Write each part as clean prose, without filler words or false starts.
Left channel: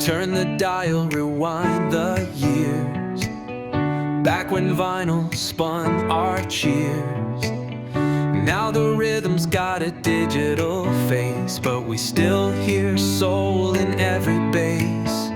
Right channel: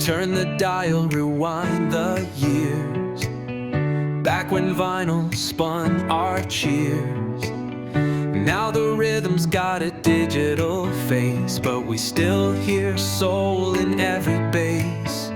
Turn the dial, rewind the years, back when vinyl spun our cheers. Now the rhythm's got a digital face, but we still hear soul in every bass.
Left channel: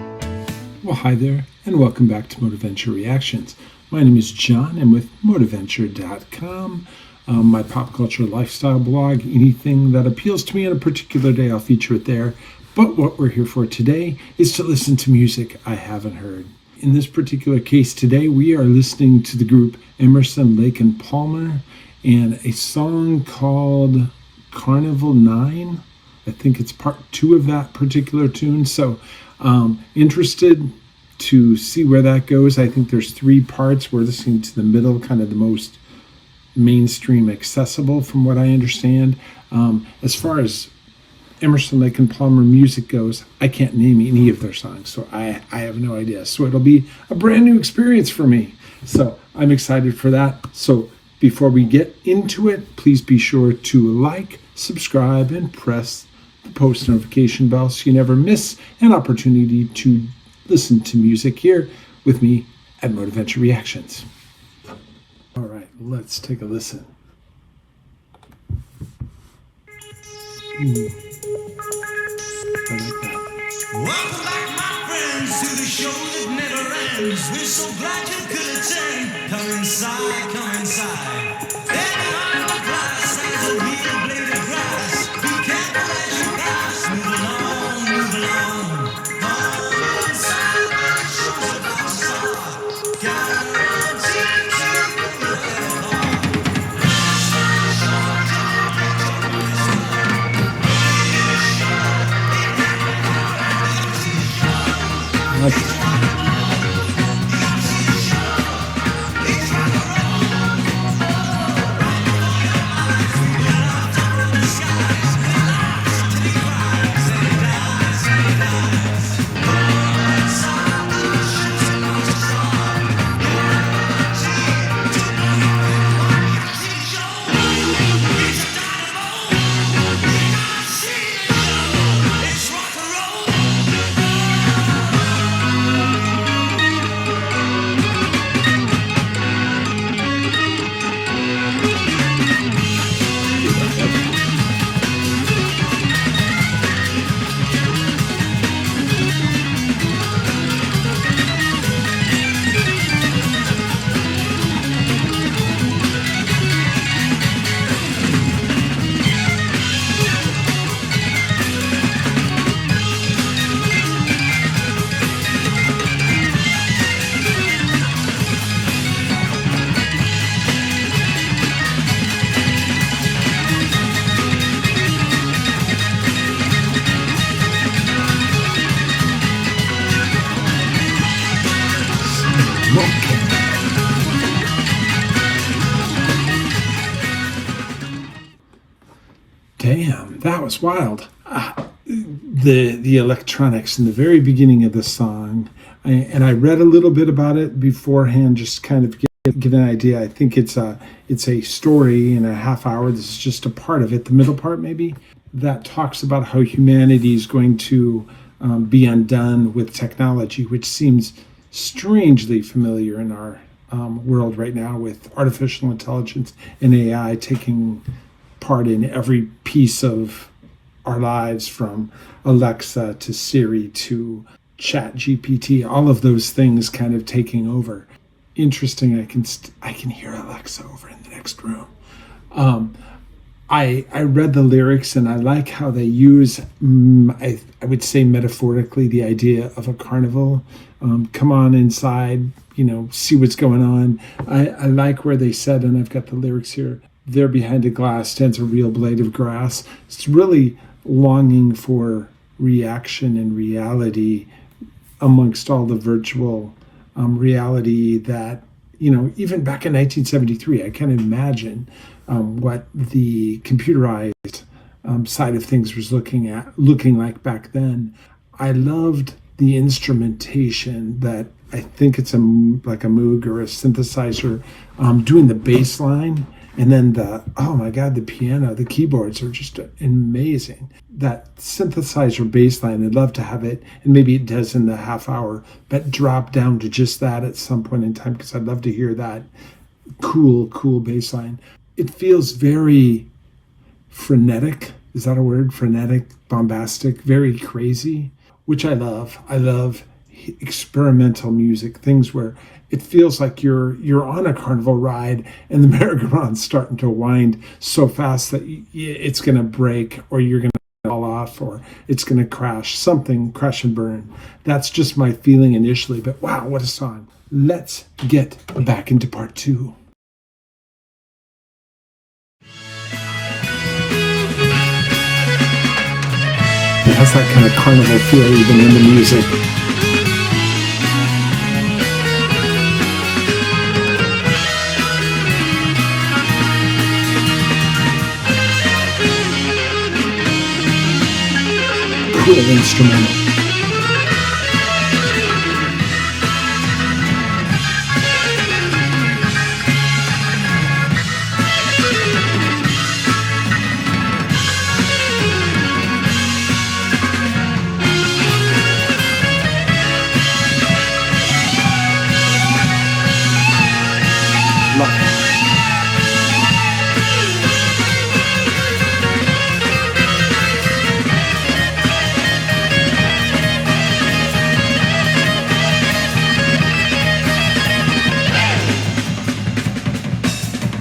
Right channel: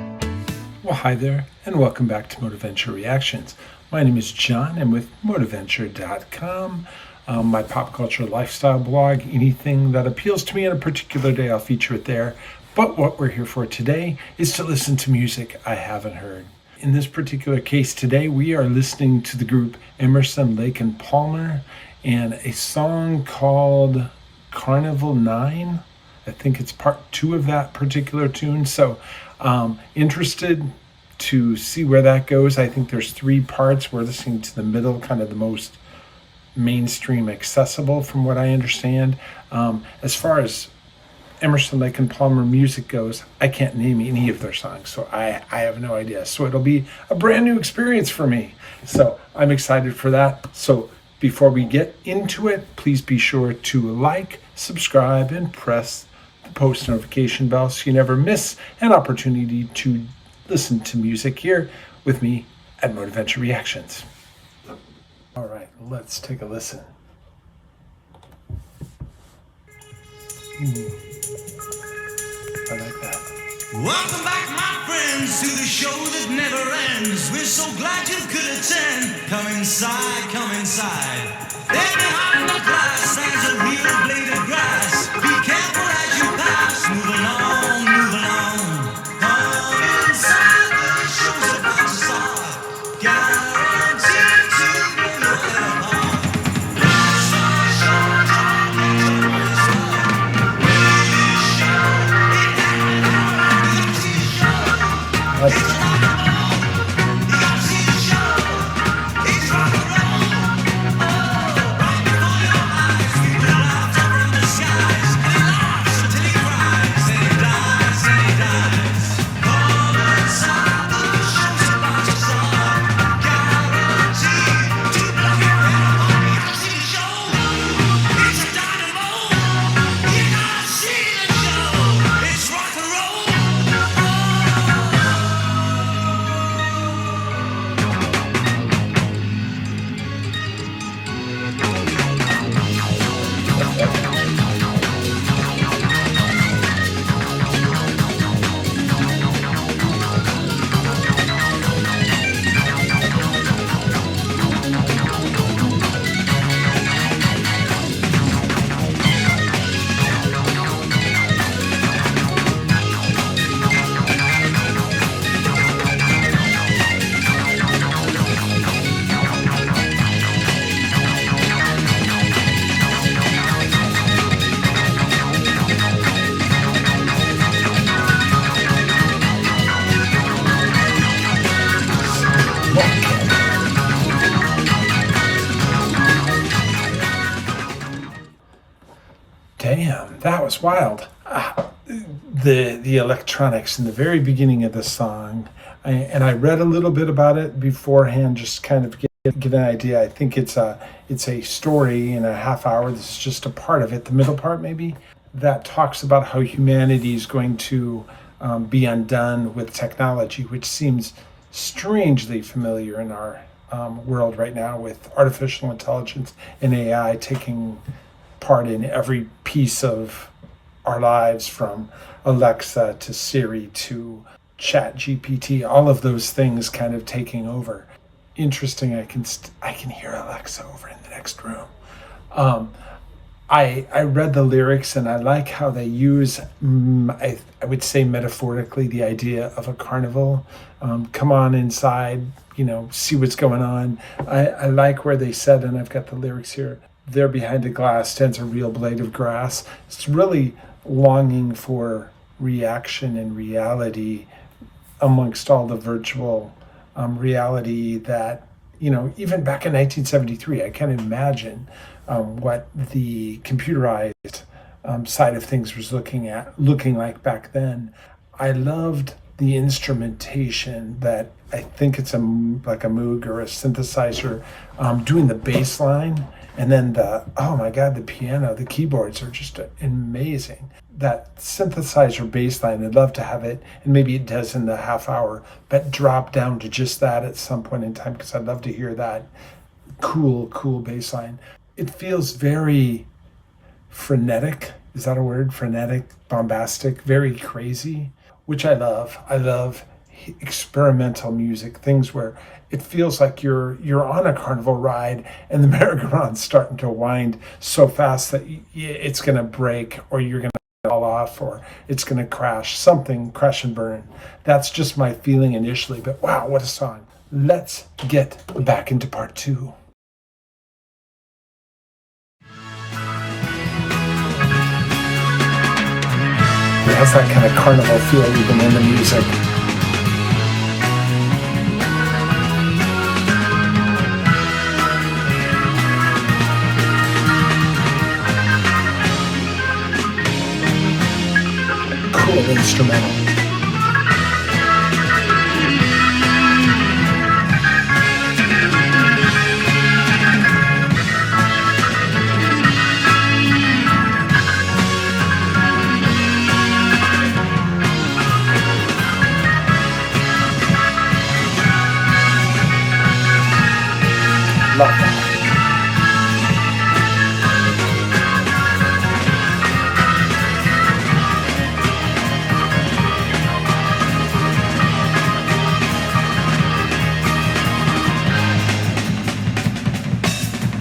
Well, hi there, and welcome back to Moteventure Reactions. My name is John. I'm with Moteventure.com, my pop culture lifestyle blog. Anything that appeals to me on a particular day, I'll feature it there. But what we're here for today is to listen to music I haven't heard. In this particular case today, we are listening to the group Emerson, Lake and Palmer and a song called Carnival 9. I think it's part 2 of that particular tune. So interested to see where that goes. I think there's 3 parts. We're listening to the middle, kind of the most mainstream accessible from what I understand. As far as Emerson, Lake and Palmer music goes, I can't name any of their songs, so I have no idea. So it'll be a brand new experience for me. So I'm excited for that. So before we get into it, please be sure to like, subscribe, and press the post notification bell so you never miss an opportunity to listen to music here with me at Moteventure Reactions. All right, let's take a listen. I like that. Welcome back, my friends, to the show that never ends. We're so glad you could attend. Come inside, come inside. There behind the glass stands a real blade of grass. Be careful as you pass. Move along, move along. Come inside, the show's about to start. Guaranteed to blow your head apart. Rest assured, you'll get your money's worth. Really show. It's not a move. You gotta see the show. It's rock and roll. Oh, right before your eyes, we will laughter from the skies. And he laughs until he cries. And he dies, and he dies. Come inside, the show's about to start. Guaranteed to blow your head apart. You gotta see the show. It's a dynamo. You gotta see the show. It's rock and roll. Damn, that was wild. The electronics in the very beginning of the song, and I read a little bit about it beforehand, just kind of get an idea. I think it's a story in a half hour. This is just a part of it, the middle part maybe, that talks about how humanity is going to be undone with technology, which seems strangely familiar in our world right now, with artificial intelligence and AI taking part in every piece of our lives, from Alexa to Siri to Chat GPT, all of those things kind of taking over. Interesting. I can hear Alexa over in the next room. I read the lyrics, and I like how they use, I would say metaphorically, the idea of a carnival. Come on inside, see what's going on. I like where they said, and I've got the lyrics here, there behind a glass stands a real blade of grass. It's really longing for reaction and reality amongst all the virtual reality that, even back in 1973, I can't imagine what the computerized side of things was looking like back then. I loved the instrumentation that I think it's like a Moog or a synthesizer doing the bass line And then oh my God, the piano, the keyboards are just amazing. That synthesizer bass line, I'd love to have it, and maybe it does in the half hour, but drop down to just that at some point in time, because I'd love to hear that cool bass line. It feels very frenetic. Is that a word? Frenetic, bombastic, very crazy, which I love. I love experimental music, things where it feels like you're on a carnival ride and the merry-go-round's starting to wind so fast that it's going to break, or you're going to fall off, or it's going to crash and burn. That's just my feeling initially, but wow, what a song. Let's get back into part 2. It has that kind of carnival feel even in the music. Cool instrumental. Love that.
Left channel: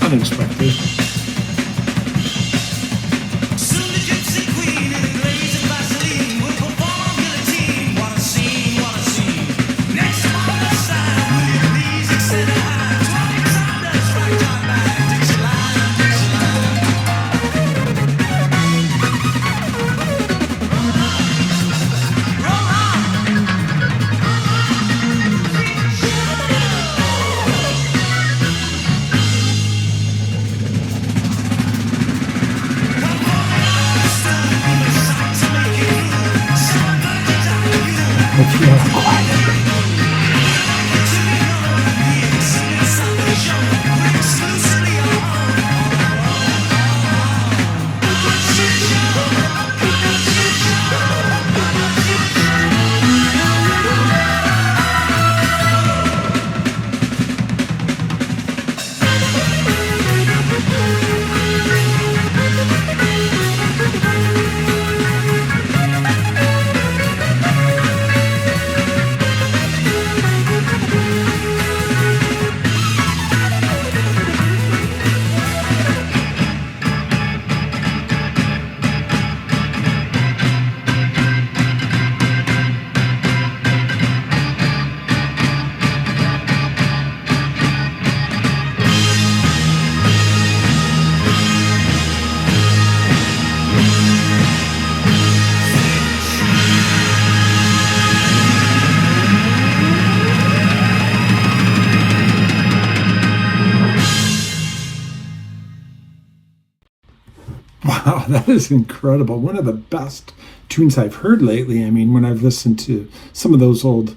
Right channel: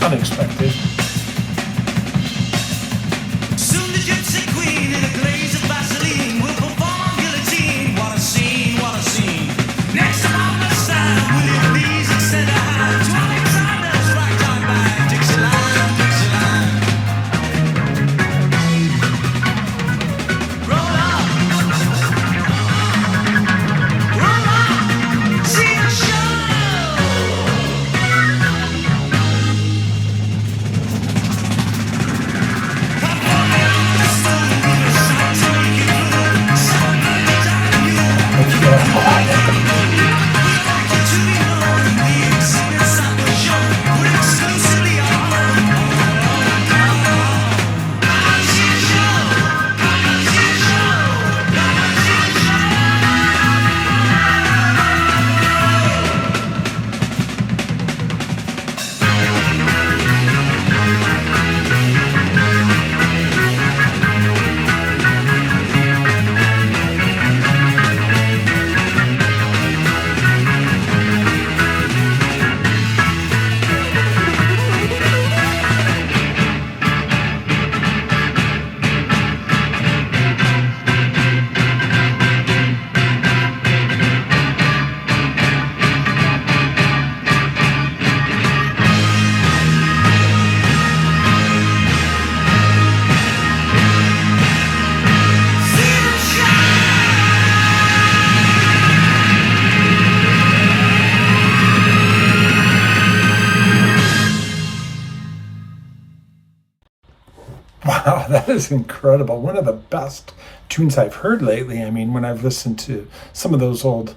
Unexpected. Soon the gypsy queen in a glaze of Vaseline will perform on guillotine. What a scene, what a scene. Next upon the stand, will you please extend a hand to Alexander's ragtime band, Dixieland, Dixieland. Roll on, see the show. Performing on a stool, we were sight to make you through. 7 virgins out of you. Yeah, quiet. We don't like it to be known. The exhibits that were shown were exclusively our own. All our own, all our own. Come and see the show. Come and see the show. Come and see the show. Wow, that is incredible. One of the best tunes I've heard lately. I mean, when I've listened to some of those old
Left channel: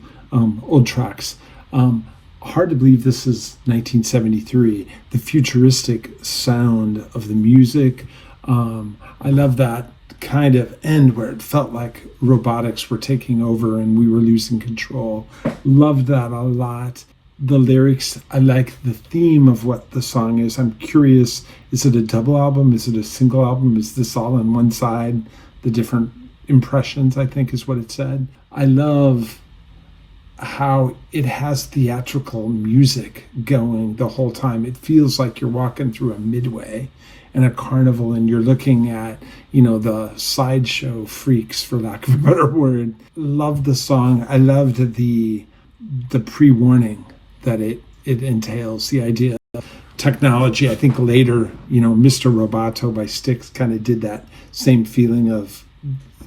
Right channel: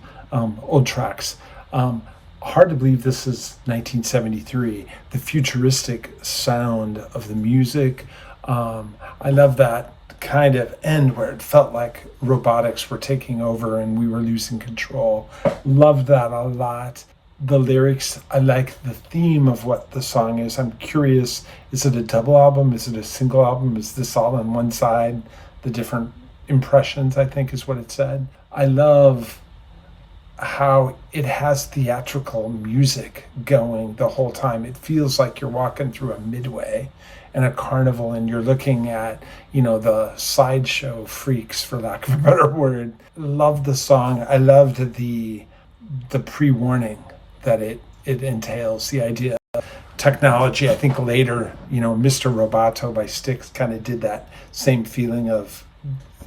tracks, hard to believe this is 1973. The futuristic sound of the music. I love that kind of end where it felt like robotics were taking over and we were losing control. Loved that a lot. The lyrics, I like the theme of what the song is. I'm curious, is it a double album? Is it a single album? Is this all on one side? The different impressions, I think, is what it said. I love how it has theatrical music going the whole time. It feels like you're walking through a midway and a carnival and you're looking at, the sideshow freaks, for lack of a better word. Loved the song. I loved the pre-warning that it entails, the idea of technology. I think later, Mr. Roboto by Styx kind of did that same feeling of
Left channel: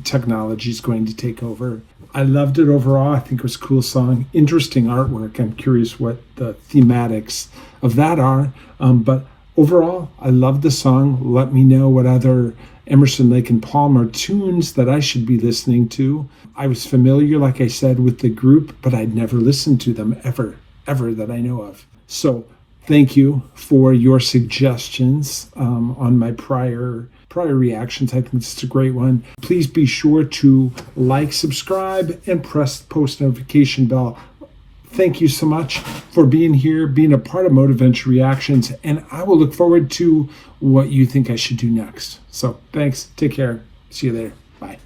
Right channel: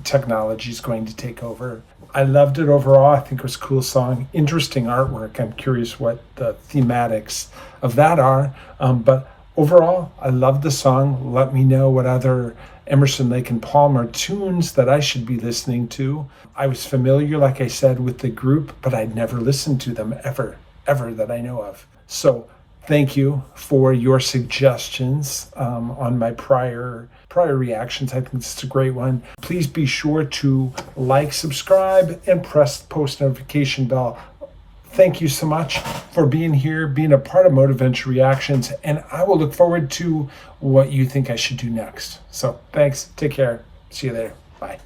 technology is going to take over. I loved it overall. I think it was a cool song. Interesting artwork. I'm curious what the thematics of that are. But overall, I loved the song. Let me know what other Emerson, Lake and Palmer tunes that I should be listening to. I was familiar, like I said, with the group, but I'd never listened to them ever that I know of. So Thank you for your suggestions on my prior reactions. I think this is a great one. Please be sure to like, subscribe, and press the post notification bell. Thank you so much for being here, being a part of Moteventure Reactions, and I will look forward to what you think I should do next. So thanks. Take care. See you later. Bye.